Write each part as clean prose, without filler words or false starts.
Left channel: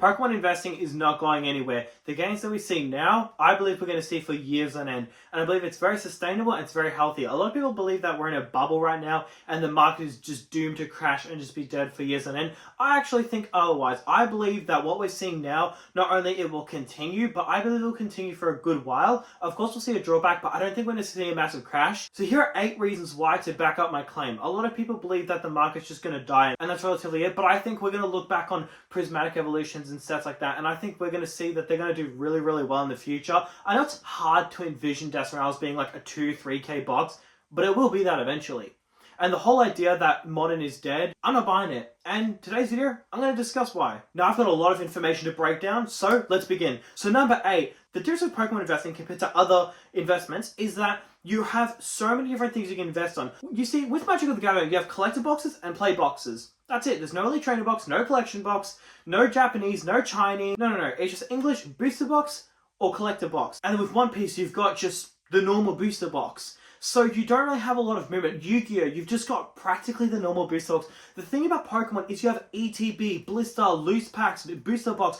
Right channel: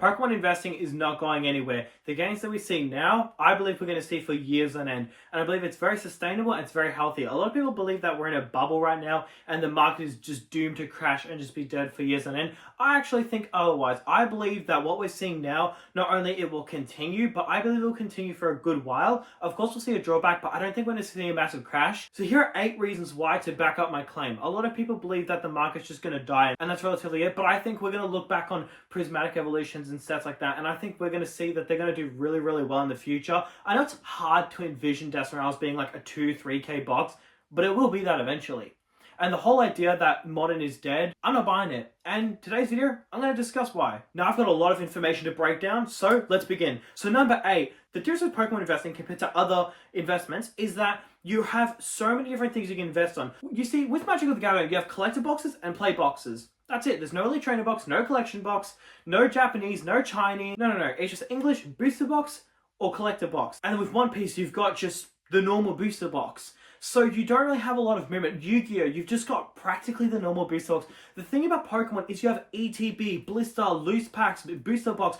Pokemon investing is not going anywhere. The gains that we see now, I believe we're going to see for years on end. And I believe it's very sustainable and it's very healthy. A lot of people believe that we're in a bubble right now and the market is just doomed to crash and just be dead for years on end. I actually think otherwise. I believe that what we're seeing now, not only it will continue, but I believe it will continue for a good while. Of course, we'll see a drawback, but I don't think we're going to see a massive crash. So here are 8 reasons why to back up my claim. A lot of people believe that the market's just going to die, and that's relatively it, but I think we're going to look back on prismatic evolutions and sets like that, and I think we're going to see that they're going to do really, really well in the future. I know it's hard to envision Desmorails being like a 2-3k box, but it will be that eventually. And the whole idea that modern is dead, I'm not buying it. And today's video, I'm going to discuss why. Now, I've got a lot of information to break down, so let's begin. So number 8, the difference with Pokemon investing compared to other investments is that you have so many different things you can invest on. You see, with Magic of the Gathering, you have collector boxes and play boxes. That's it. There's no Elite Trainer box, no collection box, no Japanese, no Chinese. No. It's just English booster box or collector box. And then with One Piece, you've got just the normal booster box. So you don't really have a lot of movement. Yu-Gi-Oh! You've just got practically the normal booster box. The thing about Pokemon is you have ETB, Blister, Loose Packs, Booster Box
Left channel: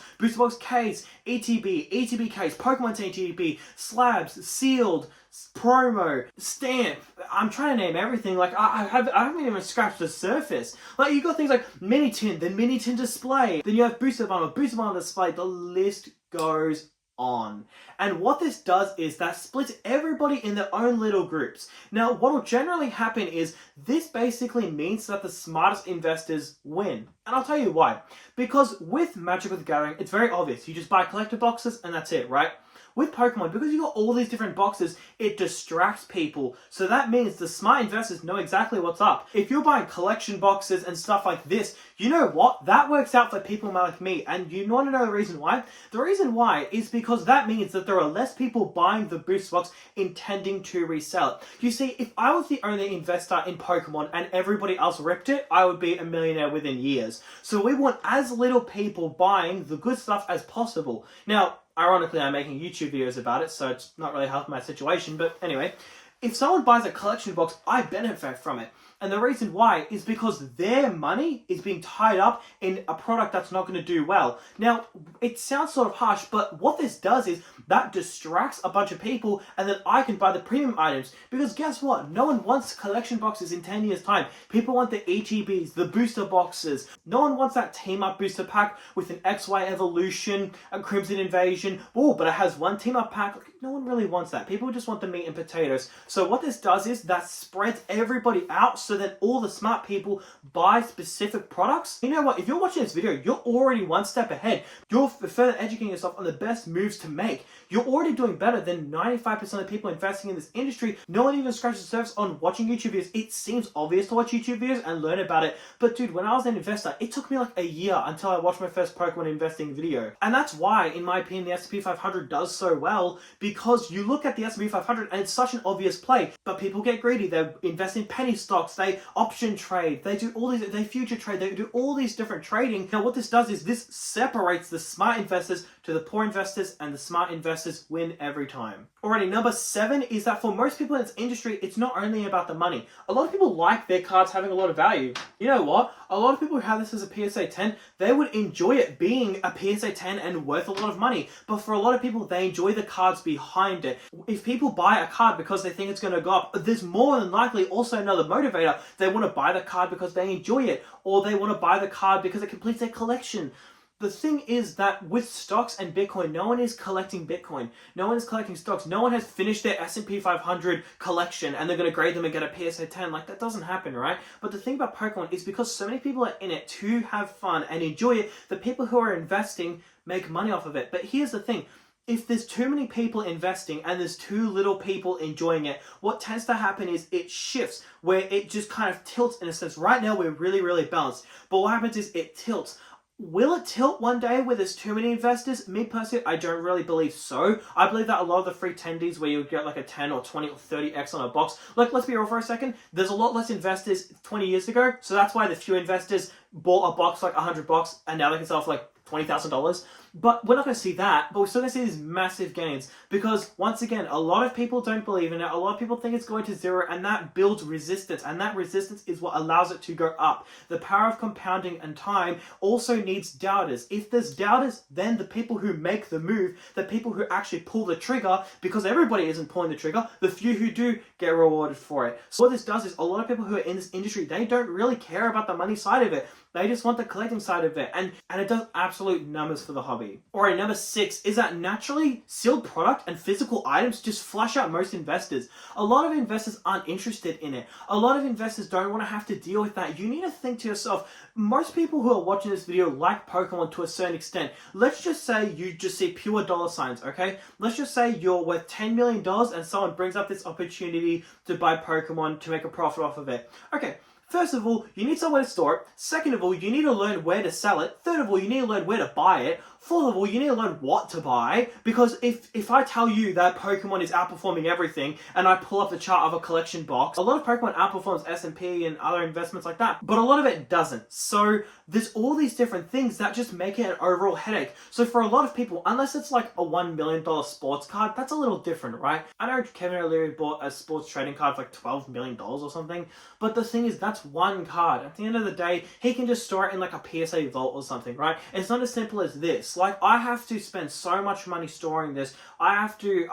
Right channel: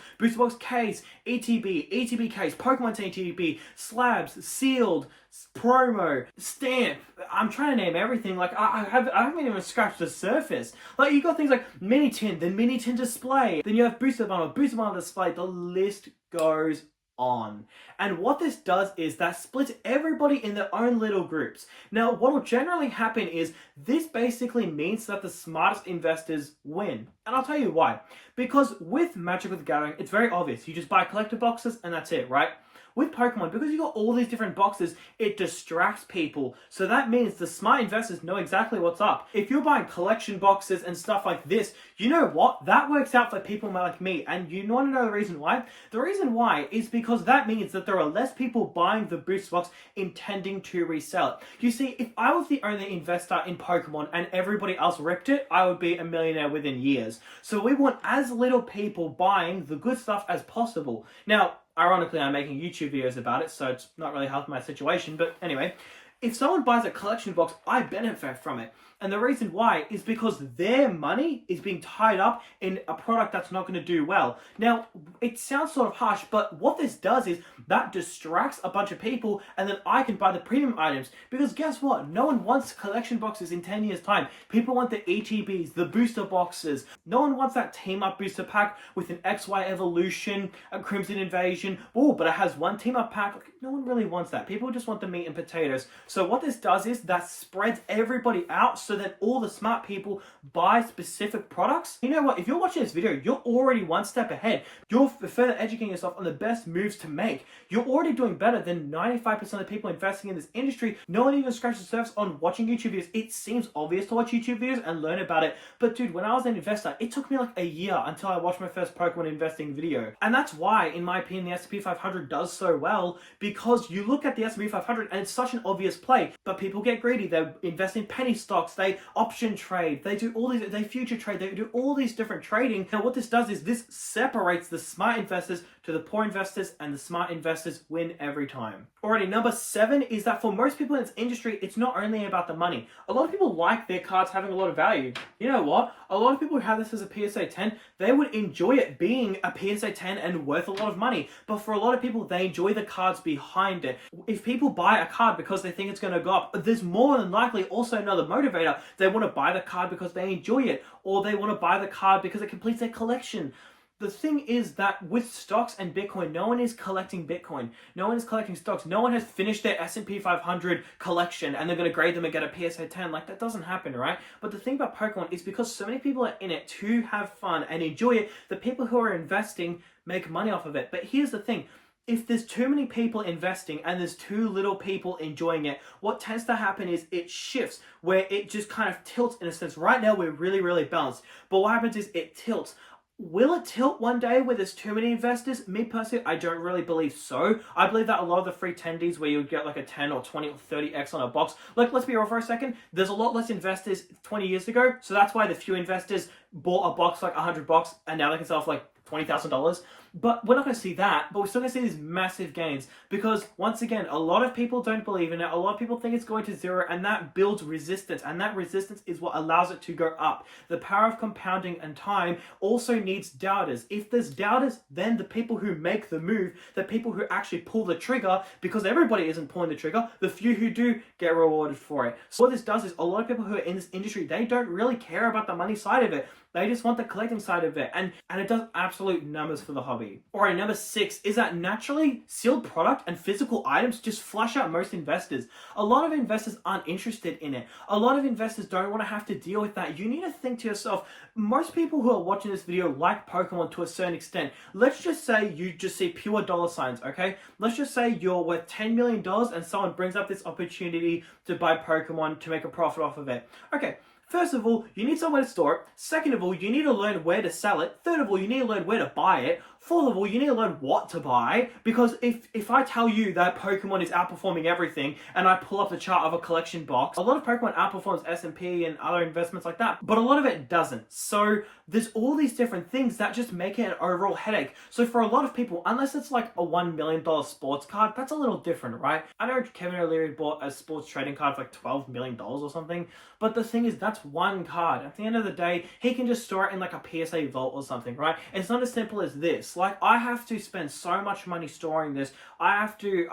Case, ETB Case, Pokemon ETB, Slabs, Sealed, Promo, Stamp. I'm trying to name everything. Like, I haven't even scratched the surface. Like, you got things like Mini Tin, then Mini Tin Display, then you have Booster Bundle Display. The list goes on. And what this does is that splits everybody in their own little groups. Now, what will generally happen is this basically means that the smartest investors win. And I'll tell you why. Because with Magic the Gathering, it's very obvious. You just buy collector boxes and that's it, right? With Pokemon, because you've got all these different boxes, it distracts people. So that means the smart investors know exactly what's up. If you're buying collection boxes and stuff like this, you know what? That works out for people like me. And you want to know the reason why? The reason why is because that means that there are less people buying the booster box intending to resell it. You see, if I was the only investor in Pokemon and everybody else ripped it, I would be a millionaire within years. So we want as little people buying the good stuff as possible. Now, ironically, I'm making YouTube videos about it, so it's not really helping my situation. But anyway, if someone buys a collection box, I benefit from it. And the reason why is because their money is being tied up in a product that's not going to do well. Now, it sounds sort of harsh, but what this does is that distracts a bunch of people, and then I can buy the premium items. Because guess what? No one wants collection boxes in 10 years' time. People want the ETBs, the booster boxes. No one wants that team-up booster pack with an XY Evolution, a Crimson Invasion. Oh, but it has one team-up pack. No one really wants that. People just want the meat and potatoes. So what this does is that spreads everybody out, so that all the smart people buy specific products. You know what? If you're watching this video, you're already one step ahead. You're further educating yourself on the best moves to make. You're already doing better than 95% of people investing in this industry. No one even scratches the surface on watching YouTube videos. It seems obvious to watch YouTube videos and learn about it. But dude, when I was an investor, it took me like a year until I watched my first Pokemon investing video. And that's why, in my opinion, the S&P 500 does so well, because you look at the S&P 500 and it's such an obvious play. But people get greedy. They invest in penny stocks. They option trade, they do all these, they future trade, they do all these different trading. Now what this does is this separates the smart investors to the poor investors, and the smart investors win every time. Alrighty, number 7 is that for most people in this industry, it's not only about the money. A lot of people like their cards having a lot of value. You know what? A lot of people who have this as a PSA 10, they would enjoy it being a PSA 10 and worth a lot of money. But for a lot of people, they enjoy the cards behind it. If people buy a card because they think it's going to go up, there's more than likely also another motivator. They want to buy the card because they enjoy it, or they want to buy the card because it completes their collection. The thing is that with stocks and Bitcoin, no one is collecting Bitcoin. No one is collecting stocks. No one has finished their S&P 500 collection and they're going to grade them and get a PSA 10. Like, that doesn't happen, right? But the thing about Pokemon is because so many people are in it to have fun and enjoy it, the people who are investing make money off of it. But here's the thing. If there's too many people investing and there's too little people enjoying it, what tends to happen is it shifts, where it just kind of tilts in a sense. Right now, we're really, really balanced. But what happens is it tilts. Will it tilt one day where there's too many investors? Me personally, I don't really believe so. I believe that a lot of the free tendies where you get like a 10 or 20 or 30x on a box, like, let's be real for a second, there's a lot less investors 20 years ago, so that's why the few investors bought a box like $100 and now they can sell for like $20,000. But we're not going to see that, but we're still going to see these massive gains because, once again, a lot of people don't believe in it. A lot of people think it's going to zero, and that builds resistance, and that resistance is what allows it to go up. The power of compounding and time also needs doubters. If there's doubters, then the people who make the move, the people who actually pull the trigger, because everybody isn't pulling the trigger, the few who do get rewarded for it. So what this does is a lot of people who are in this industry, they don't really care about the money side of it. They just want the collecting side of it, and it does absolute numbers for the hobby. Alright, number 6 is that naturally sealed product and physical items just flush out most investors. A lot of investors aren't interested in it. A lot of investors don't want to have to deal with that. You need to think to yourself, most people who are watching this video like Pokemon to a certain extent. Let's just say you just see pure dollar signs, okay? Let's just say you're worth $10 million and someone brings up this opportunity to buy Pokemon to make a profit off of it. Okay. First of all, you need somewhere to store it. Second of all, you need to learn where to sell it. Third of all, you need to learn where to buy it. Fourth of all, you need to learn what to buy, because if I tell you that Pokemon is outperforming everything and I pull up the chart of a collection box, a lot of Pokemon outperforms S&P and other investments like that, but a lot of it doesn't. So there's all these different things that just make it an overall headache. So for a lot of people, unless it's like a $1 million sports card, that's a little different, right? I know Kevin O'Leary bought a sports trading card for like $12 million or something, but the thing is, that's one card. At the end of the day, he can just store it in like a PSA vault or something, right? It's not as simple as this. Like, I have to spend so much money storing this. I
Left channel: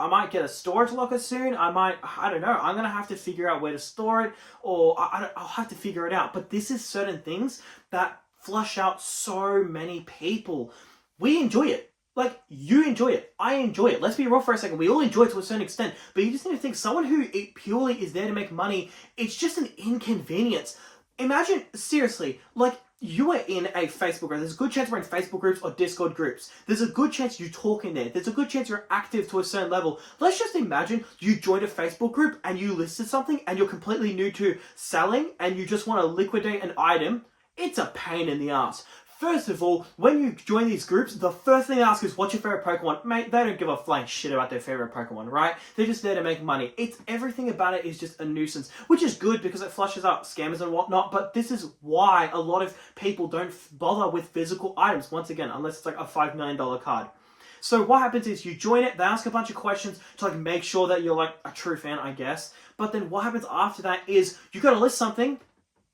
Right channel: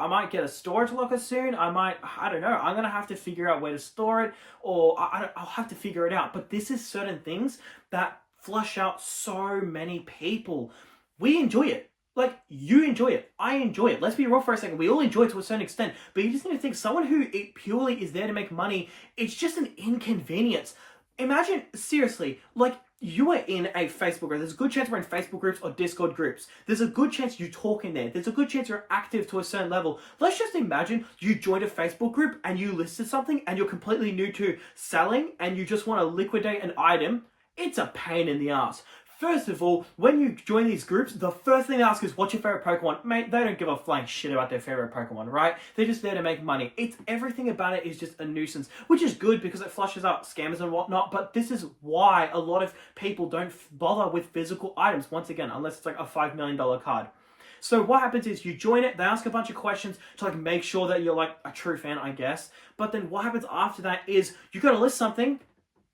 might get a storage locker soon. I don't know. I'm going to have to figure out where to store it, or I'll have to figure it out. But this is certain things that flush out so many people. We enjoy it. Like, you enjoy it. I enjoy it. Let's be real for a second. We all enjoy it to a certain extent. But you just need to think, someone who purely is there to make money, it's just an inconvenience. Imagine, seriously, like, you are in a Facebook group. There's a good chance we're in Facebook groups or Discord groups. There's a good chance you talk in there. There's a good chance you're active to a certain level. Let's just imagine you joined a Facebook group and you listed something and you're completely new to selling and you just want to liquidate an item. It's a pain in the ass. First of all, when you join these groups, the first thing they ask is, what's your favorite Pokemon? Mate, they don't give a flying shit about their favorite Pokemon, right? They're just there to make money. Everything about it is just a nuisance, which is good because it flushes out scammers and whatnot, but this is why a lot of people don't bother with physical items, once again, unless it's like a $5 million card. So what happens is you join it, they ask a bunch of questions to like make sure that you're like a true fan, I guess. But then what happens after that is you got to list something,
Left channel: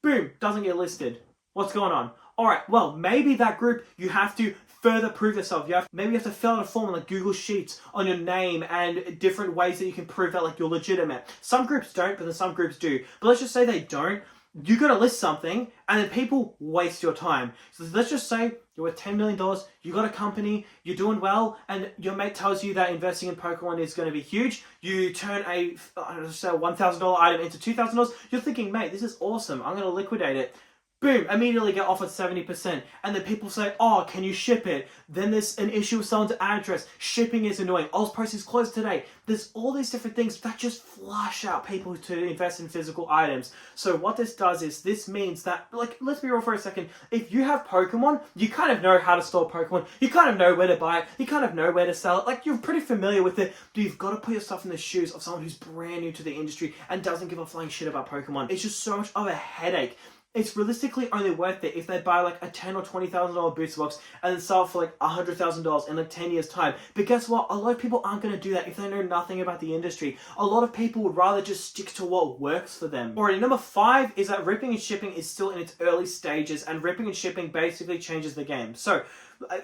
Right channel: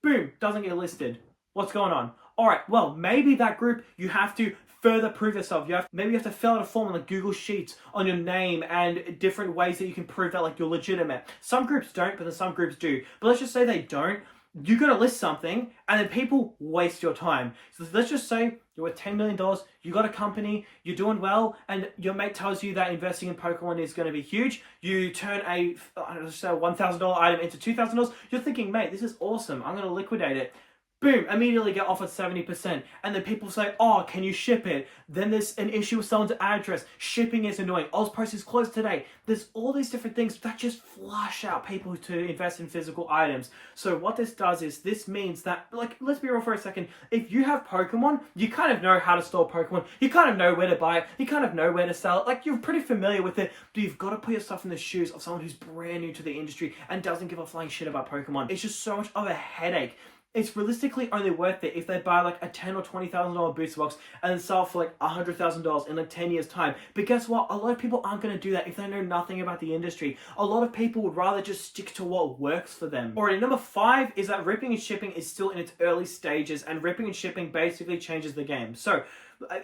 boom, doesn't get listed. What's going on? All right, well, maybe that group, you have to further prove yourself. Maybe you have to fill out a form on like Google Sheets on your name and different ways that you can prove that like you're legitimate. Some groups don't, but then some groups do. But let's just say they don't. You got to list something and then people waste your time. So let's just say you're worth $10 million, you got a company, you're doing well, and your mate tells you that investing in Pokemon is going to be huge. You turn a $1,000 item into $2,000. You're thinking, mate, this is awesome. I'm going to liquidate it. Boom, immediately get offered 70%. And then people say, oh, can you ship it? Then there's an issue with someone's address. Shipping is annoying. Ozpost is closed today. There's all these different things that just flush out people to invest in physical items. So what this does is, this means that, like, let's be real for a second. If you have Pokemon, you kind of know how to store Pokemon. You kind of know where to buy it. You kind of know where to sell it. Like, you're pretty familiar with it. But you've got to put yourself in the shoes of someone who's brand new to the industry and doesn't give a flying shit about Pokemon. It's just so much of a headache. It's realistically only worth it if they buy like a $10,000 or $20,000 booster box and then sell it for like $100,000 in like 10 years time. But guess what? A lot of people aren't going to do that if they know nothing about the industry. A lot of people would rather just stick to what works for them. Alright, number 5 is that ripping and shipping is still in its early stages, and ripping and shipping basically changes the game. So,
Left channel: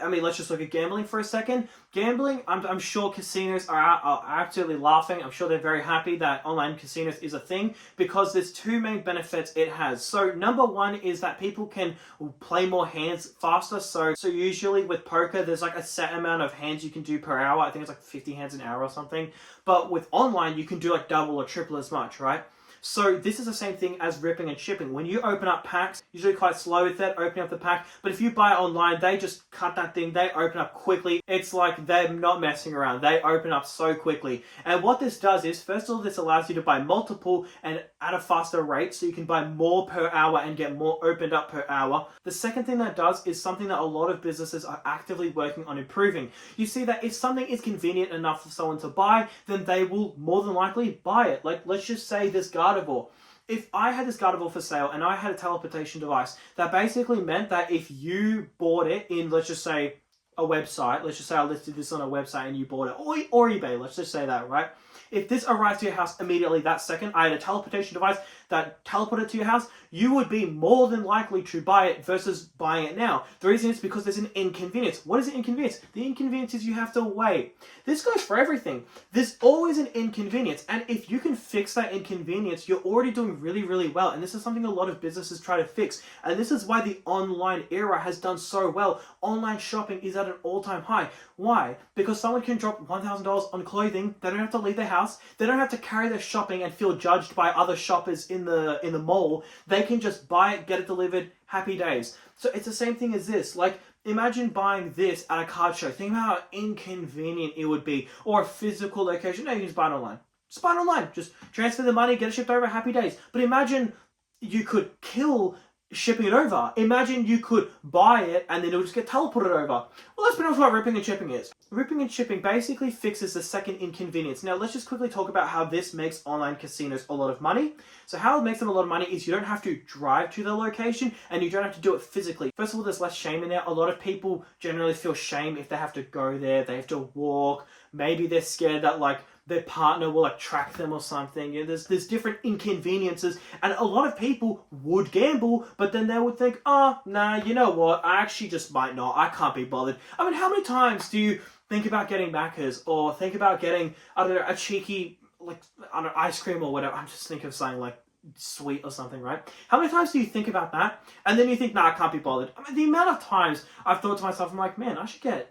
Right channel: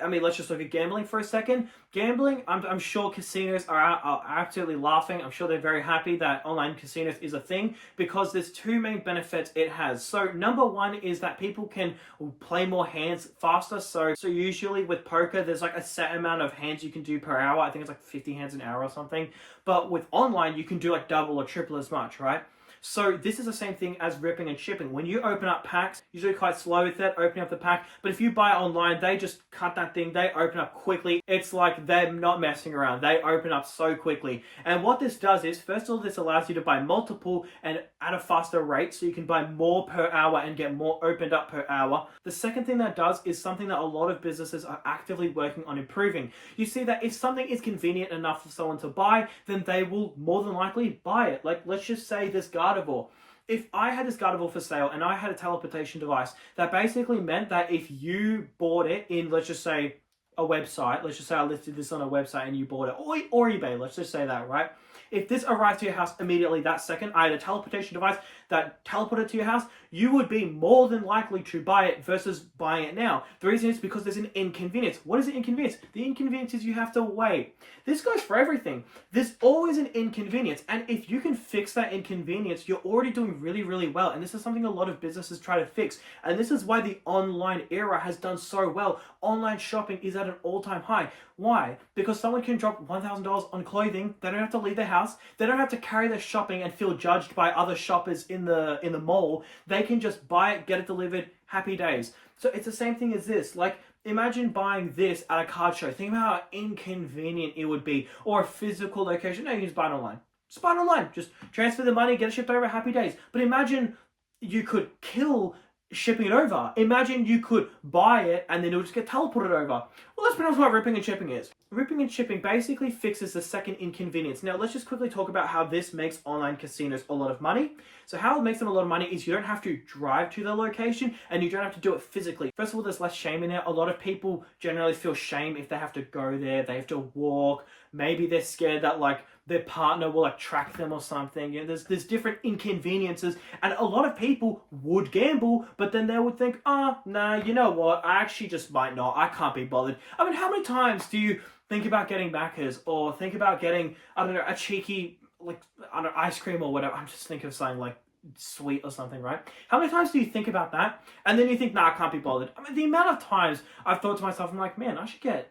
I mean, let's just look at gambling for a second. Gambling, I'm sure casinos are absolutely laughing. I'm sure they're very happy that online casinos is a thing, because there's two main benefits it has. So number 1 is that people can play more hands faster. So usually with poker, there's like a set amount of hands you can do per hour. I think it's like 50 hands an hour or something. But with online, you can do like double or triple as much, right? So this is the same thing as ripping and shipping. When you open up packs, usually quite slow with that, opening up the pack. But if you buy online, they just cut that thing. They open up quickly. It's like they're not messing around. They open up so quickly. And what this does is, first of all, this allows you to buy multiple and at a faster rate. So you can buy more per hour and get more opened up per hour. The second thing that does is something that a lot of businesses are actively working on improving. You see that if something is convenient enough for someone to buy, then they will more than likely buy it. Like, let's just say this Gardevoir. If I had this Gardevoir for sale and I had a teleportation device, that basically meant that if you bought it in, let's just say, a website, let's just say I listed this on a website and you bought it, or eBay, let's just say that, right? If this arrives to your house immediately that second, I had a teleportation device that teleported to your house, you would be more than likely to buy it versus buying it now. The reason is because there's an inconvenience. What is the inconvenience? The inconvenience is you have to wait. This goes for everything. There's always an inconvenience. And if you can fix that inconvenience, you're already doing really, really well. And this is something a lot of businesses try to fix. And this is why the online era has done so well. Online shopping is at an all-time high. Why? Because someone can drop $1,000 on clothing. They don't have to leave their house. They don't have to carry their shopping and feel judged by other shoppers in the mall. They can just buy it, get it delivered, happy days. So it's the same thing as this. Like, imagine buying this at a card show. Think about how inconvenient it would be. Or a physical location. No, you can just buy it online. Just buy it online. Just transfer the money, get it shipped over, happy days. But imagine you could kill shipping it over. Imagine you could buy it and then it would just get teleported over. Well, let's be honest what ripping and shipping is. Ripping and shipping basically fixes the second inconvenience. Now, let's just quickly talk about how this makes online casinos a lot of money. So how it makes them a lot of money is you don't have to drive to the location and you don't have to do it physically. First of all, there's less shame in there. A lot of people generally feel shame if they have to go there, they have to walk. Maybe they're scared that like their partner will like track them or something. You know, there's different inconveniences, and a lot of people would gamble, but then they would think, oh, nah, you know what? I actually just might not. I can't be bothered. I mean, how many times do you think about getting Maccas or think about getting, I don't know, a cheeky like I don't know, ice cream or whatever? I'm just thinking of something like sweet or something, right? How many times do you think about that and then you think, nah, I can't be bothered? I mean, the amount of times I've thought to myself, I'm like, man, I can't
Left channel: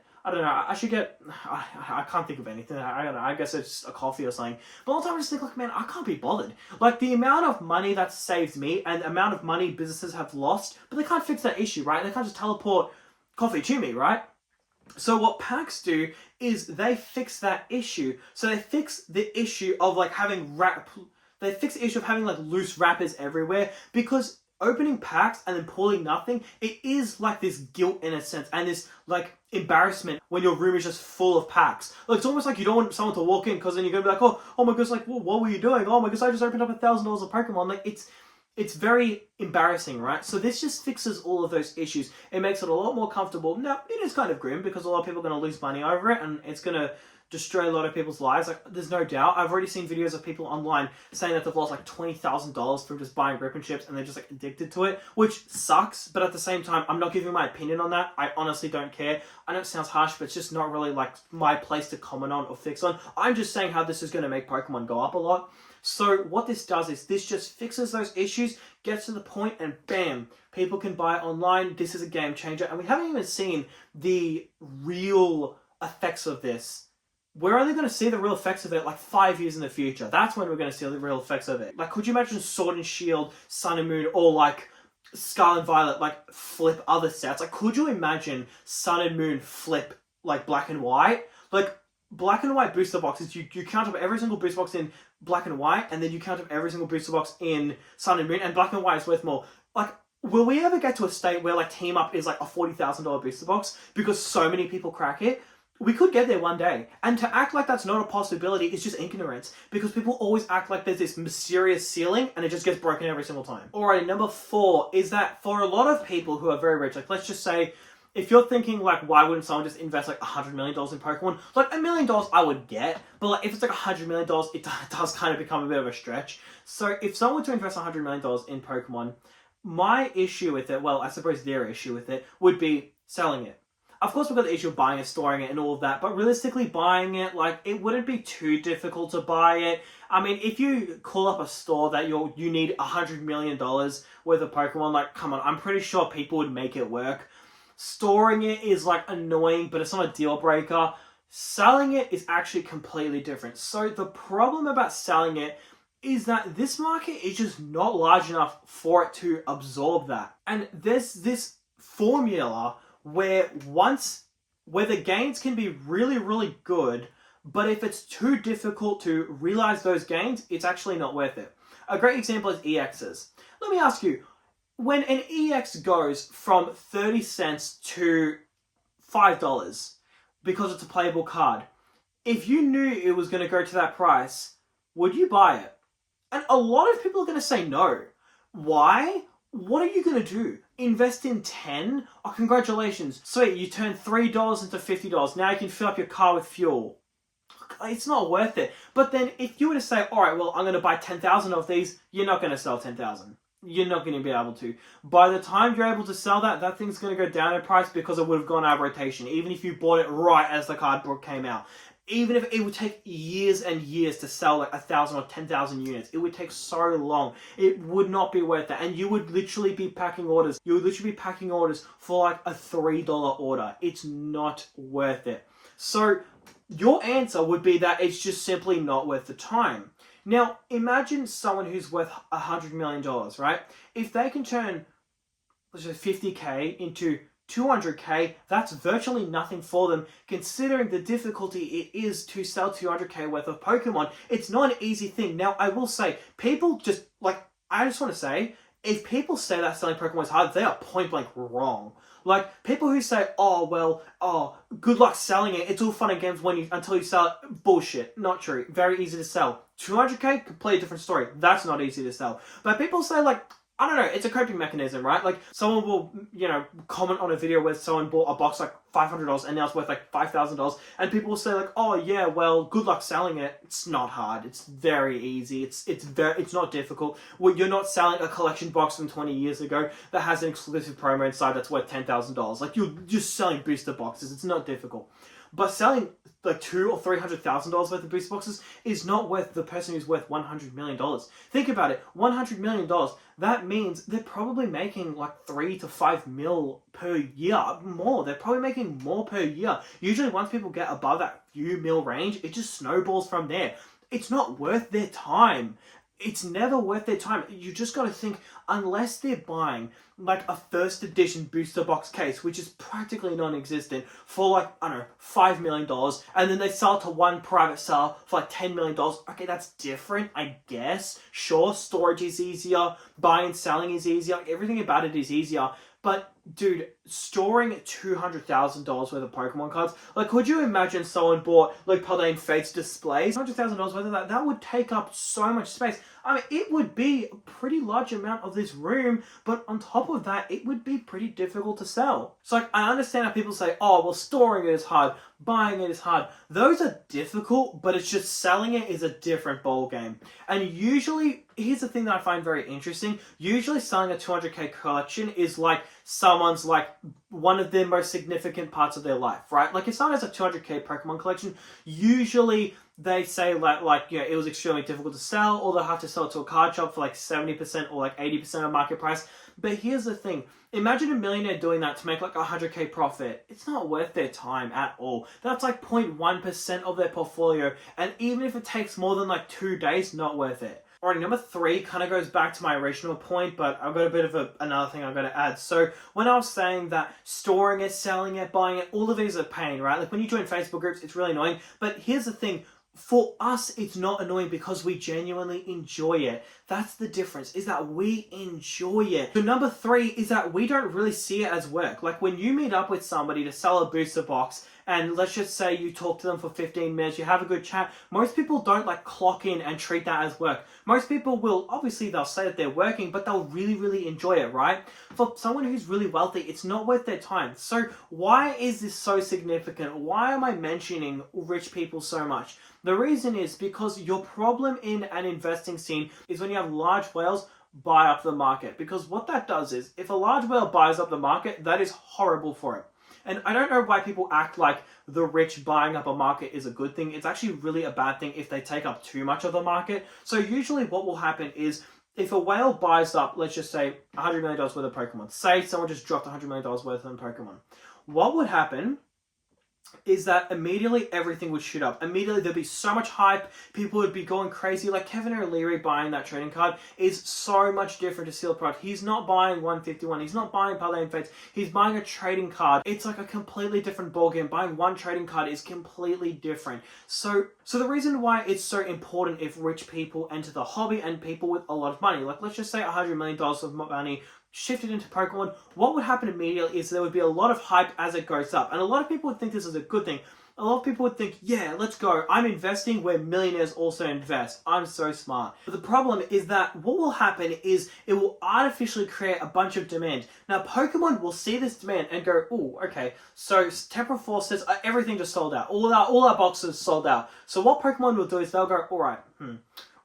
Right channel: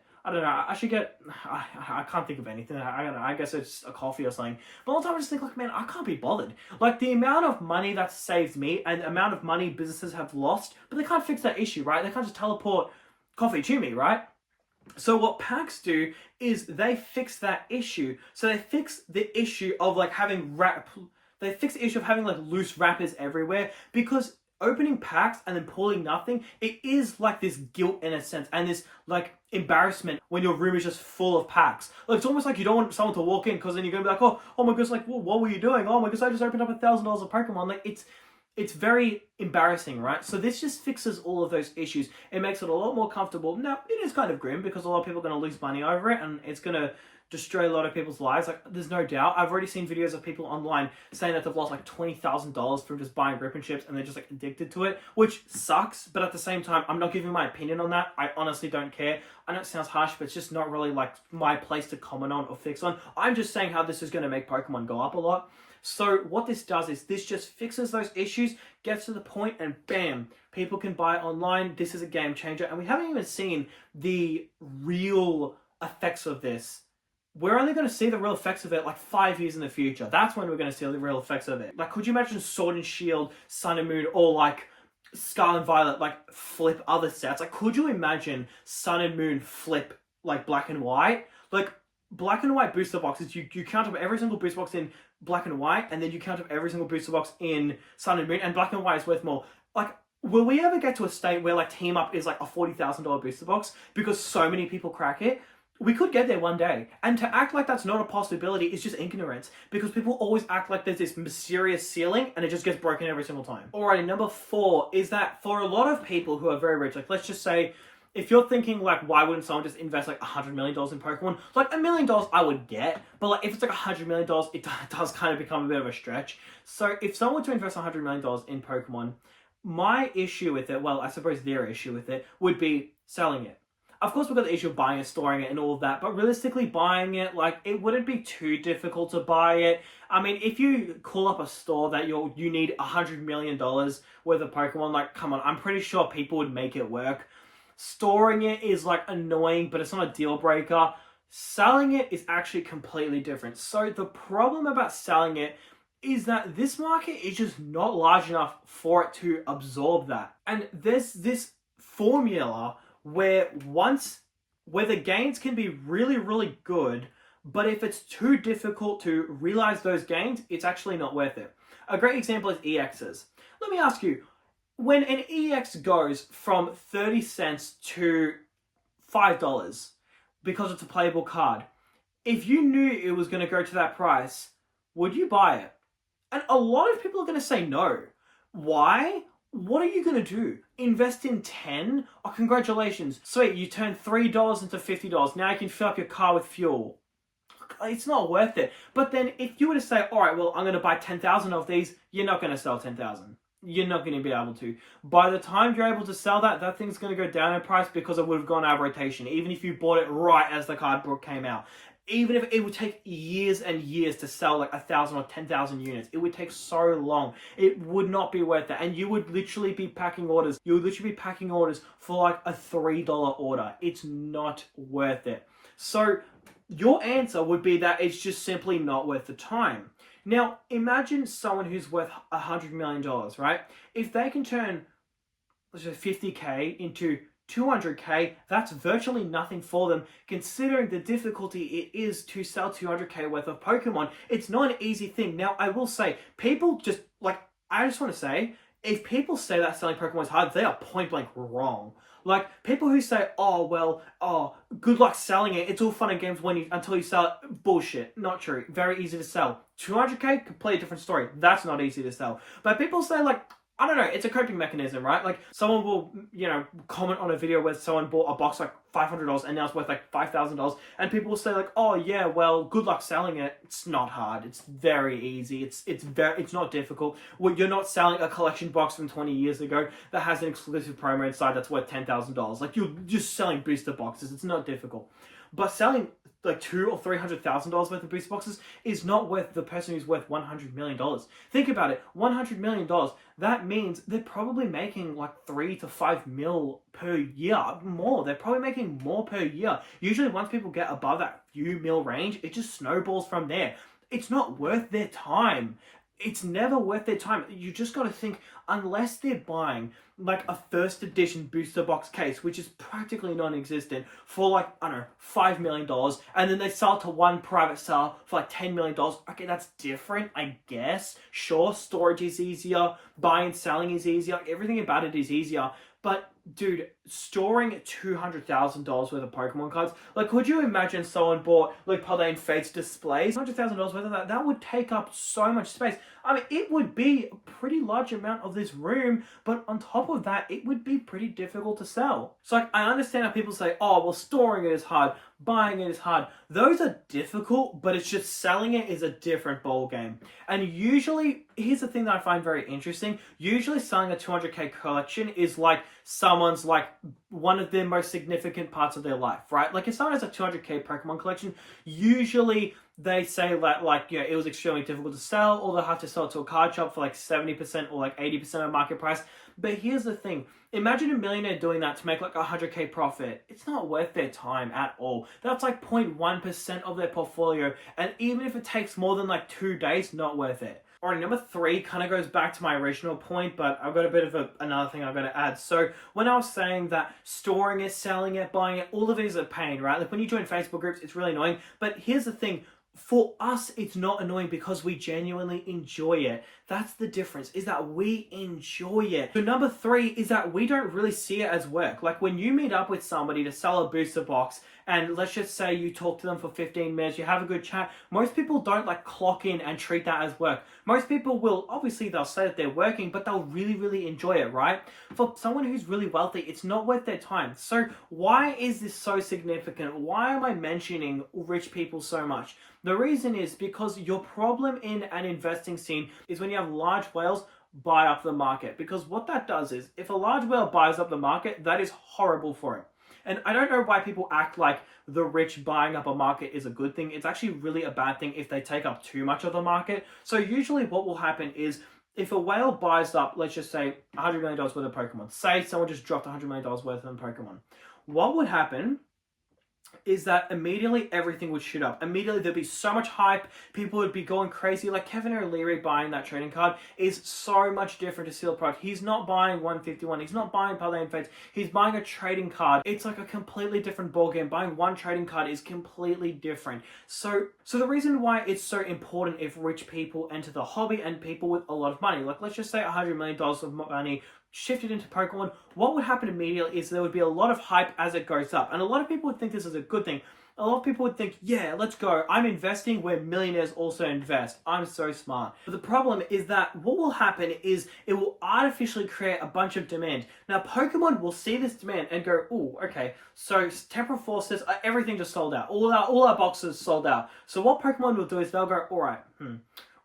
think of anything. I don't know, I guess it's a coffee or something. But all the time I just think, like, man, I can't be bothered. Like, the amount of money that saved me and the amount of money businesses have lost, but they can't fix that issue, right? They can't just teleport coffee to me, right? So what packs do is they fix that issue. So they fix the issue of, like, having like loose wrappers everywhere, because opening packs and then pulling nothing, it is like this guilt in a sense, and this like embarrassment when your room is just full of packs. Like, it's almost like you don't want someone to walk in, because then you're gonna be like, oh my gosh, like, well, what were you doing? Oh my gosh, I just opened up $1,000 of Pokemon. Like, it's very embarrassing, right? So this just fixes all of those issues. It makes it a lot more comfortable. Now, it is kind of grim because a lot of people are going to lose money over it, and it's going to destroy a lot of people's lives. Like, there's no doubt. I've already seen videos of people online saying that they've lost like $20,000 from just buying rip and chips, and they're just like addicted to it, which sucks. But at the same time, I'm not giving my opinion on that. I honestly don't care. I know it sounds harsh, but it's just not really like my place to comment on or fix on. I'm just saying how this is going to make Pokemon go up a lot. So what this does is this just fixes those issues, gets to the point, and bam, people can buy it online. This is a game changer, and we haven't even seen the real effects of this. We're only going to see the real effects of it like 5 years in the future. That's when we're going to see the real effects of it. Like, could you imagine Sword and Shield, Sun and Moon, or like Scarlet and Violet like flip other sets? Like, could you imagine Sun and Moon flip like Black and White? Like, Black and White booster boxes, you count up every single booster box in Black and White, and then you count up every single booster box in Sun and Moon, and Black and White is worth more. Like, will we ever get to a state where like Team Up is like a $40,000 booster box because so many people crack it? We could get there one day. And to act like that's not a possibility is just ignorance, because people always act like there's this mysterious ceiling and it just gets broken every single time. Alright, number 4 is that for a lot of people who are very rich, like, let's just say, if you're thinking, like, why wouldn't someone just invest, like, $100 million in Pokemon? Like, $1 million I would get, but, like, if it's, like, $100 million, it does kind of become a bit of a stretch. So, if someone were to invest $100 million in Pokemon, my issue with it, well, I suppose their issue with it, would be selling it. Of course, we've got the issue of buying it, storing it, and all of that, but realistically, buying it, like, it wouldn't be too difficult to buy it. I mean, if you call up a store that you need $100 million worth of Pokemon, like, come on, I'm pretty sure people would make it work. Storing it is like annoying, but it's not a deal breaker. Selling it is actually completely different. So the problem about selling it is that this market is just not large enough for it to absorb that. And there's this formula where the gains can be really, really good, but if it's too difficult to realize those gains, it's actually not worth it. A great example is EXs. Let me ask you, when an EX goes from 30 cents to $5 because it's a playable card, if you knew it was going to go to that price, would you buy it? And a lot of people are going to say no. Why? what are you going to do? Invest in 10? Oh, congratulations. Sweet, you turned $3 into $50. Now you can fill up your car with fuel. It's not worth it. But then if you were to say, all right, well, I'm going to buy 10,000 of these, you're not going to sell 10,000. You're not going to be able to. By the time you're able to sell that, that thing's going to go down in price because it would have gone out of rotation, even if you bought it right as the card book came out. Even if it would take years and years to sell like 1,000 or 10,000 units, it would take so long. It would not be worth it. And you would literally be packing orders. You would literally be packing orders for like a $3 order. It's not worth it. So your answer would be that it's just simply not worth the time. Now, imagine someone who's worth $100 million, right? If they can turn, let's say, 50K into 200K, that's virtually nothing for them, considering the difficulty it is to sell 200K worth of Pokemon. It's not an easy thing. Now, I will say, people just, like, I just want to say, if people say that selling Pokemon is hard, they are point blank wrong. Like, people who say, good luck selling it, it's all fun and games until you sell it, bullshit. Not true. Very easy to sell. 200K, completely different story. That's not easy to sell. But people say, like, I don't know, it's a coping mechanism, right? Like, someone will, comment on a video where someone bought a box like $500 and now it's worth like $5,000, and people will say like, oh yeah, well, good luck selling it. It's not hard. It's very easy. It's not difficult. Well, you're not selling a collection box from 20 years ago that has an exclusive promo inside that's worth $10,000. Like, you're just selling booster boxes. It's not difficult. But selling like $200,000 or $300,000 worth of booster boxes is not worth the person who's worth $100 million. Think about it. $100 million. That means they're probably making like 3 to 5 mil per year. More. They're probably making more per year. Usually once people get above that few mil range, it just snowballs from there. It's not worth their time. It's never worth their time. You just got to think, unless they're buying like a first edition booster box case, which is practically non-existent, for like, I don't know, $5 million, and then they sell it to one private seller for like $10 million. Okay, that's different, I guess. Sure, storage is easier, buying and selling is easier, like, everything about it is easier. But dude, storing $200,000 worth of Pokemon cards, like, could you imagine someone bought like Paldean Fates displays? $100,000 worth of that would take up so much space. I mean, it would be a pretty large amount of this room, but on top of that, it would be pretty difficult to sell. So like, I understand how people say, oh, well, storing it is hard, buying it is hard. Those are difficult, but it's just selling it is a different ball game. And usually, here's the thing that I find very interesting. Usually selling a 200K collection is like someone's like one of their most significant parts of their life, right? Like, if someone has a 200K Pokemon collection, usually they say like it was extremely difficult to sell, or they'll have to sell it to a card shop for like 70% or like 80% of market price. But here's the thing. Imagine a millionaire doing that to make like 100K profit. It's not worth their time at all. That's like 0.1% of their portfolio. And even if it takes more than like 2 days, not worth it. Alright, number 3 kind of goes back to my original point, but I've got a bit of another thing I've got to add. So when I was saying that storing it, selling it, buying it, all of these are pain, right? Like, when you join Facebook groups, it's really annoying. But here's the thing. For us, it's not annoying because we genuinely enjoy it. That's the difference, is that we enjoy it. So number 3 is that we don't really see it as work. Like, when you meet up with somebody to sell a booster box, and let's just say you talk to them for 15 minutes, you have a good chat, most people don't like clock in and treat that as work. Most people will, obviously they'll say that they're working, but they'll really, really enjoy it, right? For someone who's really wealthy, it's not worth their time. So why is this so significant? Why am I mentioning rich people so much? The reason is because your problem in an investing scene is when you have large whales buy up the market. Because what that does is, if a large whale buys up the market, that is horrible for it. And I don't know why people act like the rich buying up a market is a good thing. It's actually really a bad thing if they take up too much of the market. So usually what will happen is, if a whale buys up, let's just say $100 million worth of Pokemon. Say someone just dropped $100 million worth of Pokemon. What would happen is that immediately everything would shoot up. Immediately there'd be so much hype. People would be going crazy. Like, Kevin O'Leary buying that trading card is so much different to Steel Product. He's not buying 151. He's not buying Paldean Fates. He's buying a trading card. It's like a completely different ballgame. Buying one trading card is completely different. So the reason why it's so important if rich people enter the hobby and people with a lot of money, like, let's just say $100 million of money shifted into Pokemon, what would happen immediately is there would be a lot of hype as it goes up. And a lot of people would think this is a good thing. A lot of people would think, yeah, let's go. I'm investing where millionaires also invest. I'm so smart. But the problem is that what will happen is it will artificially create a bunch of demand. Now, Pokemon will see this demand and go, oh, okay, so Temporal Forces, everything just sold out. All our boxes sold out. So what Pokemon will do is they'll go, all right,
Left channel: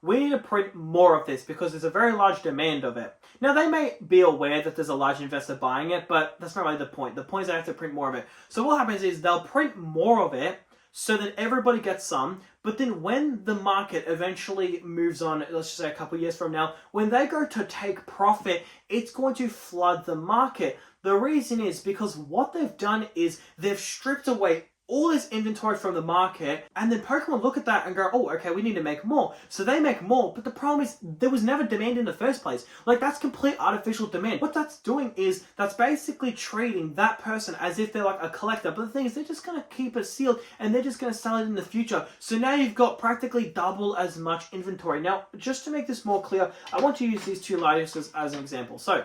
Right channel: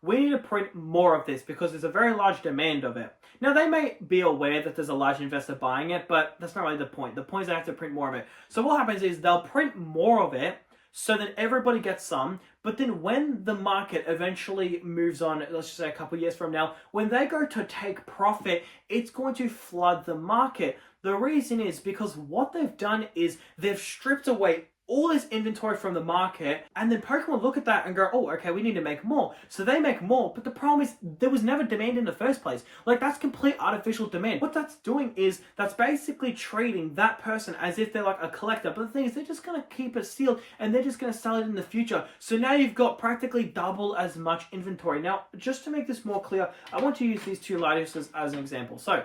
we need to print more of this because there's a very large demand of it. Now, they may be aware that there's a large investor buying it, but that's not really the point. The point is they have to print more of it. So what happens is they'll print more of it so that everybody gets some, but then when the market eventually moves on, let's just say a couple years from now, when they go to take profit, it's going to flood the market. The reason is because what they've done is they've stripped away all this inventory from the market, and then Pokemon look at that and go, oh, okay, we need to make more. So they make more, but the problem is there was never demand in the first place. Like, that's complete artificial demand. What that's doing is that's basically treating that person as if they're like a collector. But the thing is, they're just going to keep it sealed and they're just going to sell it in the future. So now you've got practically double as much inventory. Now, just to make this more clear, I want to use these two Latioses as an example. So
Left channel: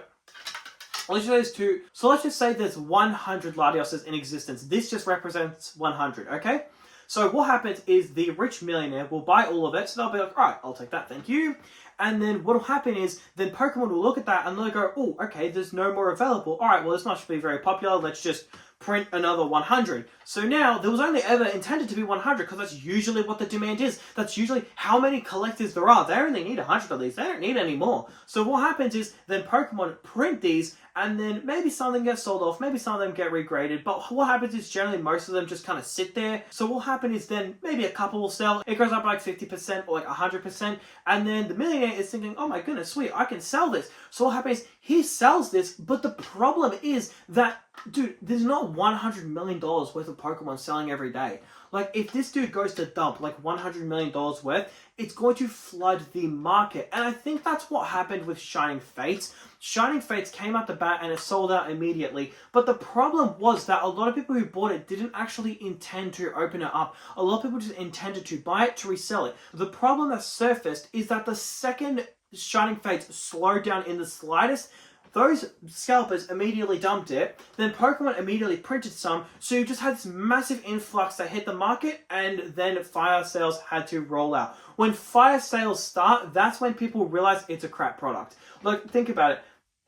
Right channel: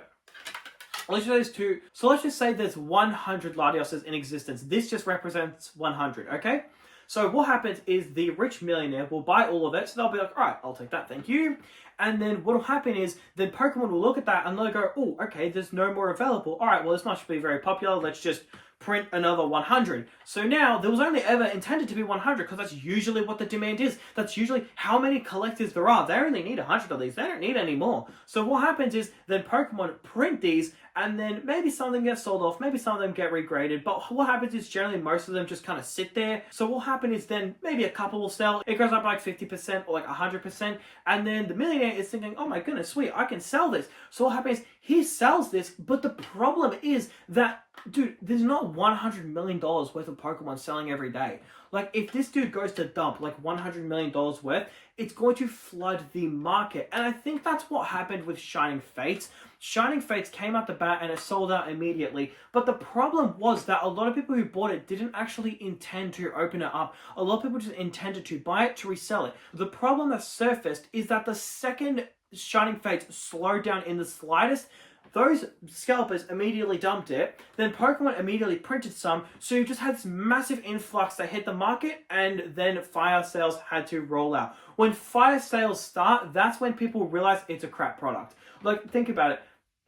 let's just say there's 100 Latioses in existence. This just represents 100, okay? So what happens is the rich millionaire will buy all of it. So they'll be like, all right, I'll take that, thank you. And then what will happen is then Pokemon will look at that and they'll go, oh, okay, there's no more available. All right, well, this must be very popular. Let's just print another 100. So now there was only ever intended to be 100 because that's usually what the demand is. That's usually how many collectors there are. They only need 100 of these. They don't need any more. So what happens is then Pokemon print these and then maybe some of them get sold off. Maybe some of them get regraded. But what happens is generally most of them just kind of sit there. So what happens is then maybe a couple will sell. It goes up like 50% or like 100%. And then the millionaire is thinking, oh my goodness, sweet, I can sell this. So what happens is he sells this. But the problem is that, dude, there's not $100 million worth of Pokemon selling every day. Like, if this dude goes to dump like $100 million worth, it's going to flood the market. And I think that's what happened with Shining Fates. Shining Fates came out the bat and it sold out immediately. But the problem was that a lot of people who bought it didn't actually intend to open it up. A lot of people just intended to buy it to resell it. The problem that surfaced is that the second Shining Fates slowed down in the slightest, those scalpers immediately dumped it, then Pokemon immediately printed some, so you just had this massive influx that hit the market, and then fire sales had to roll out. When fire sales start, that's when people realize it's a crap product. Like, think about it.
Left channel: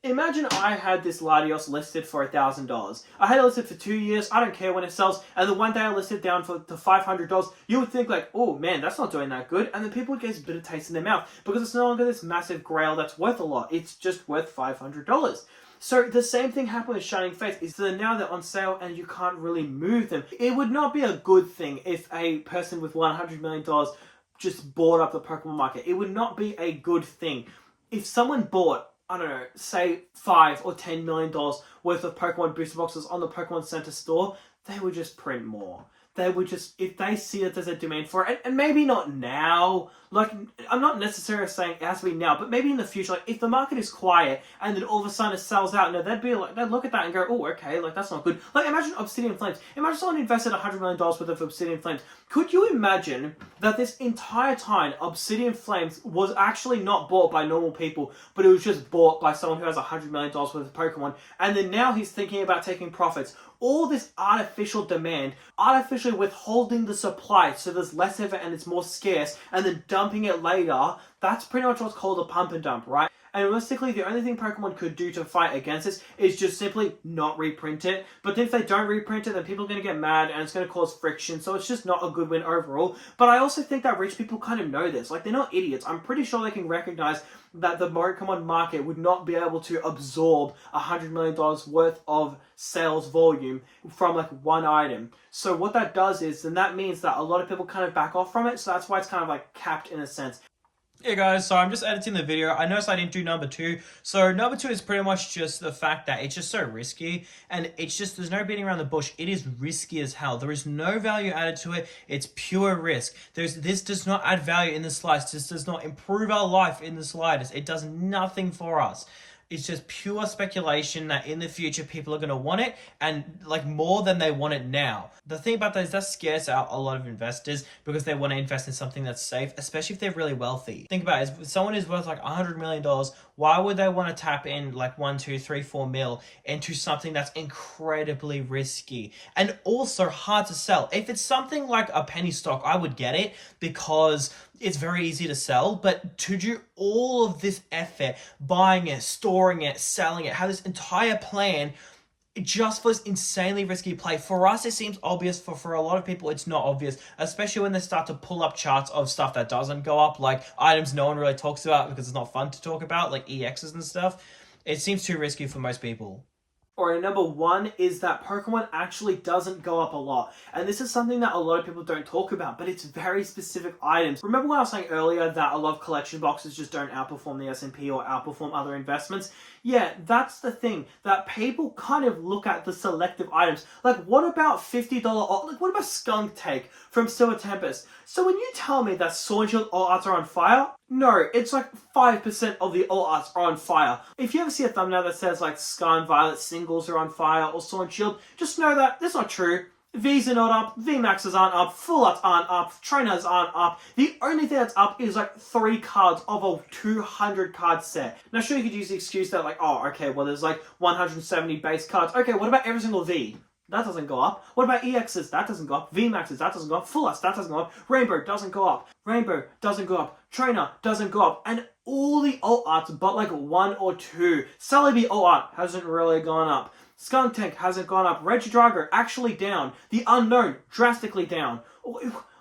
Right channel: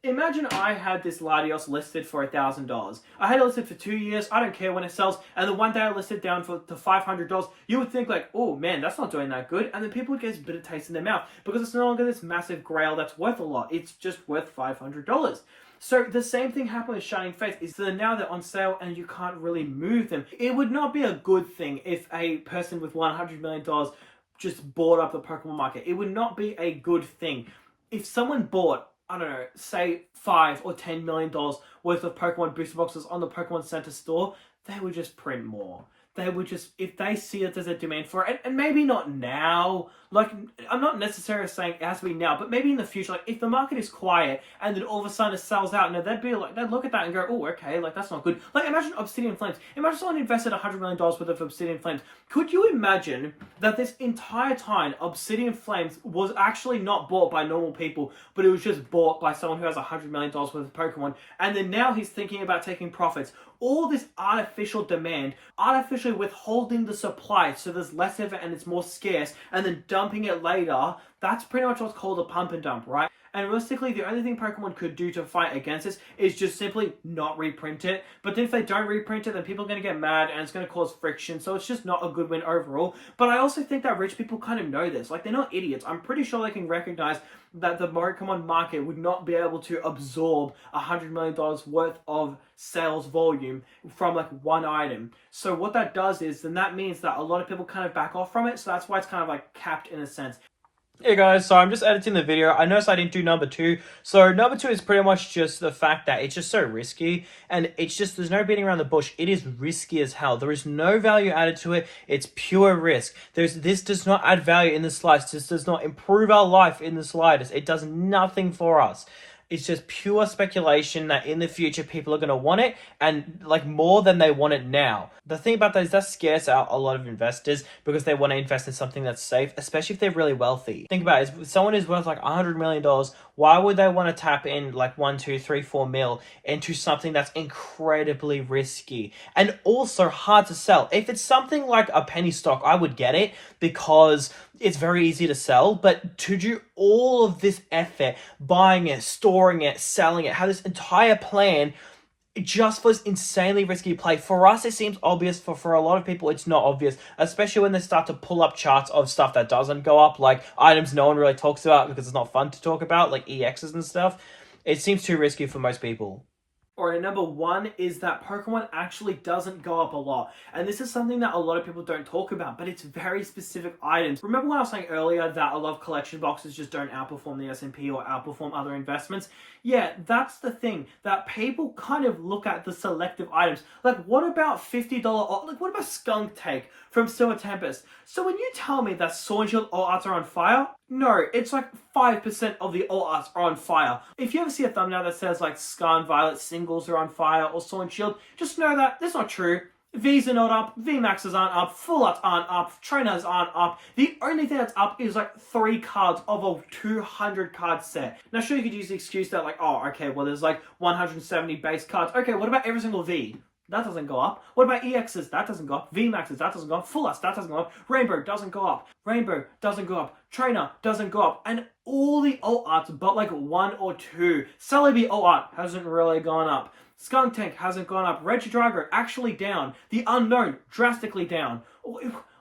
Imagine I had this Latios listed for $1,000. I had it listed for 2 years. I don't care when it sells. And the one day I listed down to $500. You would think like, oh man, that's not doing that good. And then people would get this bitter taste in their mouth because it's no longer this massive grail that's worth a lot. It's just worth $500. So the same thing happened with Shining Fates is that now they're on sale and you can't really move them. It would not be a good thing if a person with $100 million just bought up the Pokemon market. It would not be a good thing. If someone bought, I don't know, say $5 or $10 million worth of Pokemon booster boxes on the Pokemon Center store, they would just print more. They would just, if they see that there's a demand for it, and maybe not now, like, I'm not necessarily saying it has to be now, but maybe in the future, like, if the market is quiet, and then all of a sudden it sells out, they'd be like, they'd look at that and go, oh, okay, like, that's not good. Like, imagine Obsidian Flames. Imagine someone invested $100 million worth of Obsidian Flames. Could you imagine that this entire time, Obsidian Flames was actually not bought by normal people, but it was just bought by someone who has $100 million worth of Pokemon, and then now he's thinking about taking profits. All this artificial demand, artificially withholding the supply so there's less of it and it's more scarce, and then dumping it later, that's pretty much what's called a pump and dump, right? And realistically, the only thing Pokemon could do to fight against this is just simply not reprint it. But then if they don't reprint it, then people are going to get mad and it's going to cause friction. So it's just not a good win overall. But I also think that rich people kind of know this. Like, they're not idiots. I'm pretty sure they can recognize that the Pokemon market would not be able to absorb $100 million worth of sales volume from like one item. So what that does is, then that means that a lot of people kind of back off from it. So that's why it's kind of like capped in a sense. Hey guys, so I'm just editing the video. I noticed I didn't do number 2. So number 2 is pretty much just the fact that it's just so risky, and it's just, there's no beating around the bush. It is risky as hell. There is no value added to it. It's pure risk. This does not add value in the slightest. This does not improve our life in the slightest. It does nothing for us. It's just pure speculation that in the future people are going to want it, and like more than they want it now. The thing about that is that scares out a lot of investors because they want to invest in something that's safe, especially if they're really wealthy. Think about it, if someone is worth like $100 million, Why would they want to tap in like 1, 2, 3, 4 mil into something that's incredibly risky and also hard to sell? If it's something like a penny stock, I would get it because it's very easy to sell, but to do all of this effort, buying it, storing it, selling it, have this entire plan just for this insanely risky play. For us, it seems obvious. For a lot of people, it's not obvious, especially when they start to pull up charts of stuff that doesn't go up, like items no one really talks about because it's not fun to talk about, like EXs and stuff. It seems too risky for most people. Or number one is that Pokemon actually doesn't go up a lot. And this is something that a lot of people don't talk about, but it's very specific items. Remember when I was saying earlier that a lot of collection boxes just don't outperform the S&P or outperform other investments? Yeah, that's the thing, that people kind of look at the selective items. Like, what about $50, like, what about Skunk Tank from Silver Tempest? So when you tell me that Sword Shield all arts are on fire, no, it's like 5% of the all arts are on fire. If you ever see a thumbnail that says like Scarlet and Violet singles are on fire or Sword and Shield, just know that that's not true. Vs are not up, VMAXs aren't up, Full Arts aren't up, Trainers aren't up. The only thing that's up is like 3 cards of a 200 card set. Now sure, you could use the excuse that like, oh, okay, well there's like 170 base cards. Okay, what about every single V? That doesn't go up. What about EXs? That doesn't go up. VMAXs? That doesn't go up. Full Arts? That doesn't go up. Rainbow doesn't go up. Rainbow doesn't go up. Trainer doesn't go up. And all the alt arts but like 1 or 2. Celebi alt art hasn't really gone up. Skunk Tank hasn't gone up. Regidrago actually down. The Unknown drastically down.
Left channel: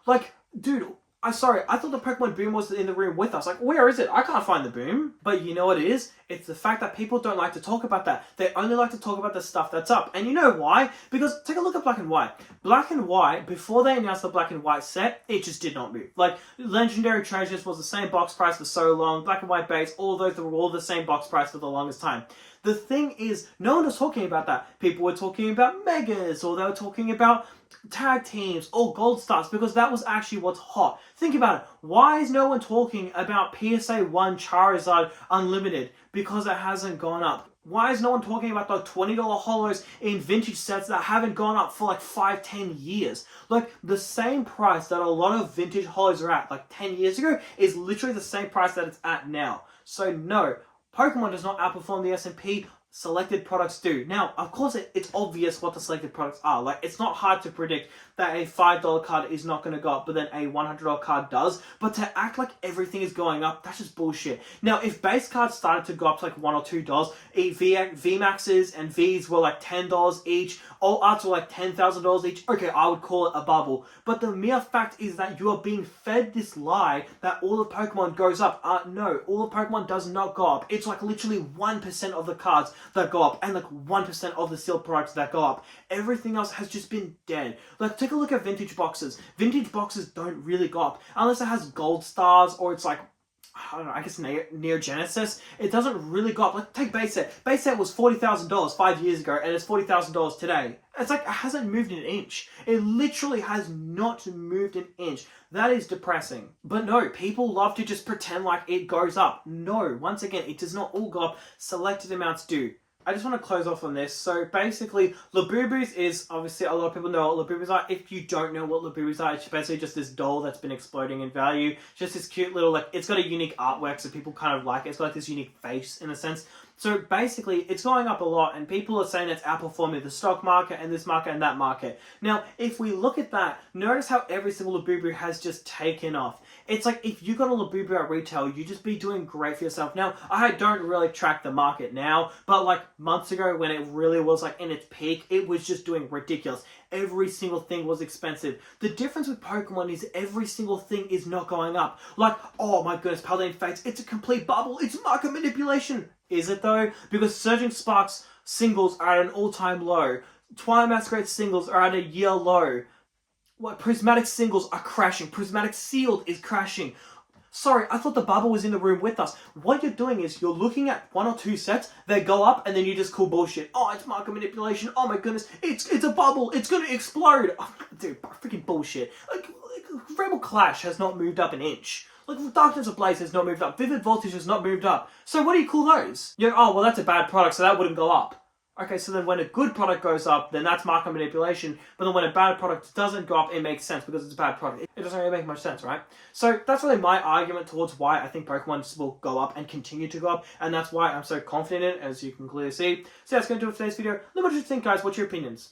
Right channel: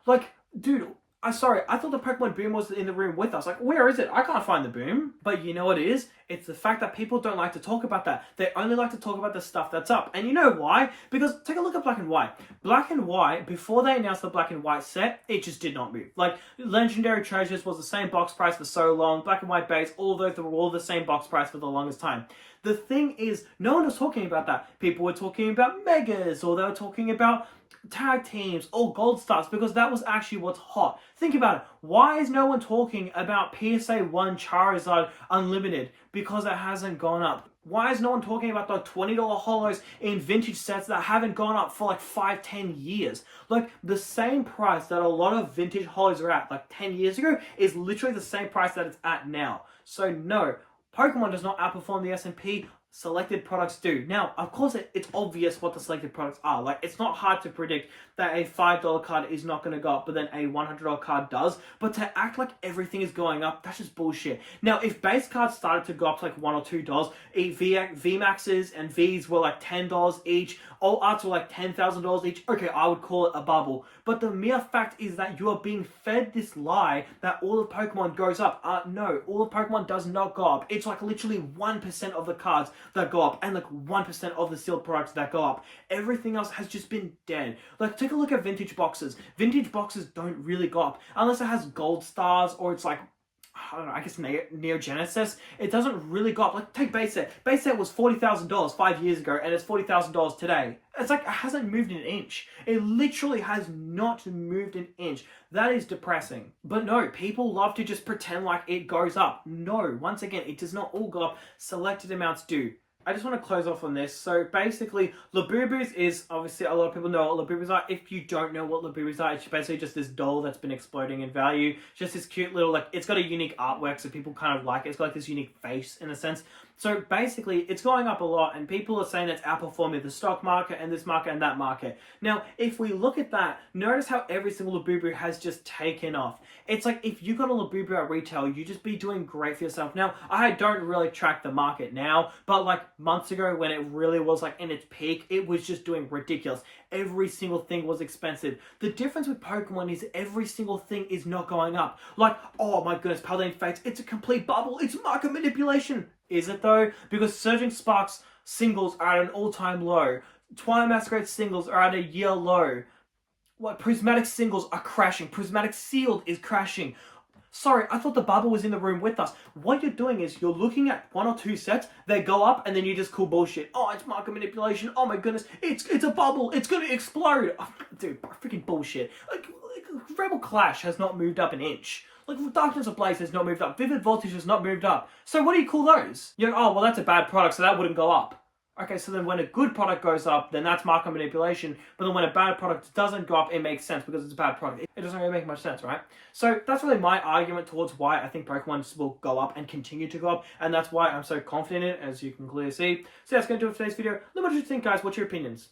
Like, dude, I thought the Pokemon boom was in the room with us. Like, where is it? I can't find the boom. But you know what it is? It's the fact that people don't like to talk about that. They only like to talk about the stuff that's up. And you know why? Because take a look at Black and White. Black and White, before they announced the Black and White set, it just did not move. Like, Legendary Treasures was the same box price for so long. Black and White base, all those were all the same box price for the longest time. The thing is, no one was talking about that. People were talking about Megas, or they were talking about tag teams or gold stars, because that was actually what's hot. Think about it. Why is no one talking about PSA 1 Charizard Unlimited? Because it hasn't gone up. Why is no one talking about the $20 holos in vintage sets that haven't gone up for like 5-10 years? Like, the same price that a lot of vintage holos are at like 10 years ago is literally the same price that it's at now. So no, Pokemon does not outperform the S&P. Selected products do. Now, of course, it's obvious what the selected products are. Like, it's not hard to predict that a $5 card is not going to go up, but then a $100 card does. But to act like everything is going up, that's just bullshit. Now, if base cards started to go up to like $1 or $2, VMAXs and Vs were like $10 each, all arts were like $10,000 each, okay, I would call it a bubble. But the mere fact is that you are being fed this lie that all of Pokemon goes up. No, all of Pokemon does not go up. It's like literally 1% of the cards that go up and like 1% of the sealed products that go up. Everything else has just been dead. Like, take a look at vintage boxes. Vintage boxes don't really go up unless it has gold stars or it's like, I don't know, I guess Neo Genesis. It doesn't really go up. Like, take base set. Base set was $40,000 5 years ago and it's $40,000 today. It's like, it hasn't moved an inch. It literally has not moved an inch. That is depressing. But no, people love to just pretend like it goes up. No, once again, it does not all go up. Selected amounts do. I just want to close off on this. So basically, Labubus is, obviously a lot of people know what Labubus are. If you don't know what Labubus are, it's basically just this doll that's been exploding in value. Just this cute little, like, it's got a unique artwork, so people kind of like it. It's got like this unique face in a sense. So basically, it's going up a lot, and people are saying it's outperforming the stock market and this market and that market. Now, if we look at that, notice how every single Labubu has just taken off. It's like, if you got a Labubu at retail, you just be doing great for yourself. Now, I don't really track the market now, but like months ago when it really was like in its peak, it was just doing ridiculous. Every single thing was expensive. The difference with Pokemon is every single thing is not going up. Like, oh my goodness, Paladin Fates, it's a complete bubble. It's market manipulation. Is it though? Because Surging Sparks singles are at an all-time low. Twilight Masquerade singles are at a year low. What, Prismatic singles are crashing. Prismatic Sealed is crashing. Sorry, I thought the bubble was in the room with us. What you're doing is you're looking at 1 or 2 sets, they go up, and then you just call bullshit. Oh, it's market manipulation. Oh my goodness, it's a bubble. It's going to explode. Oh, dude, freaking bullshit. Like, Rebel Clash has not moved up an inch. Like, Darkness Ablaze has not moved up. Vivid Voltage has not moved up. So what do you call those? You're like, oh, well, that's a bad product, so that wouldn't go up. Okay, so then when a good product goes up, then that's market manipulation. But then when a bad product doesn't go up, it makes sense because it's a bad product. It doesn't really make much sense, right? So that's really my argument towards why I think Pokemon will go up and continue to go up. And that's why I'm so confident in it, as you can clearly see. So that's going to do it for today's video. Let me know what you think, guys. What's your opinions?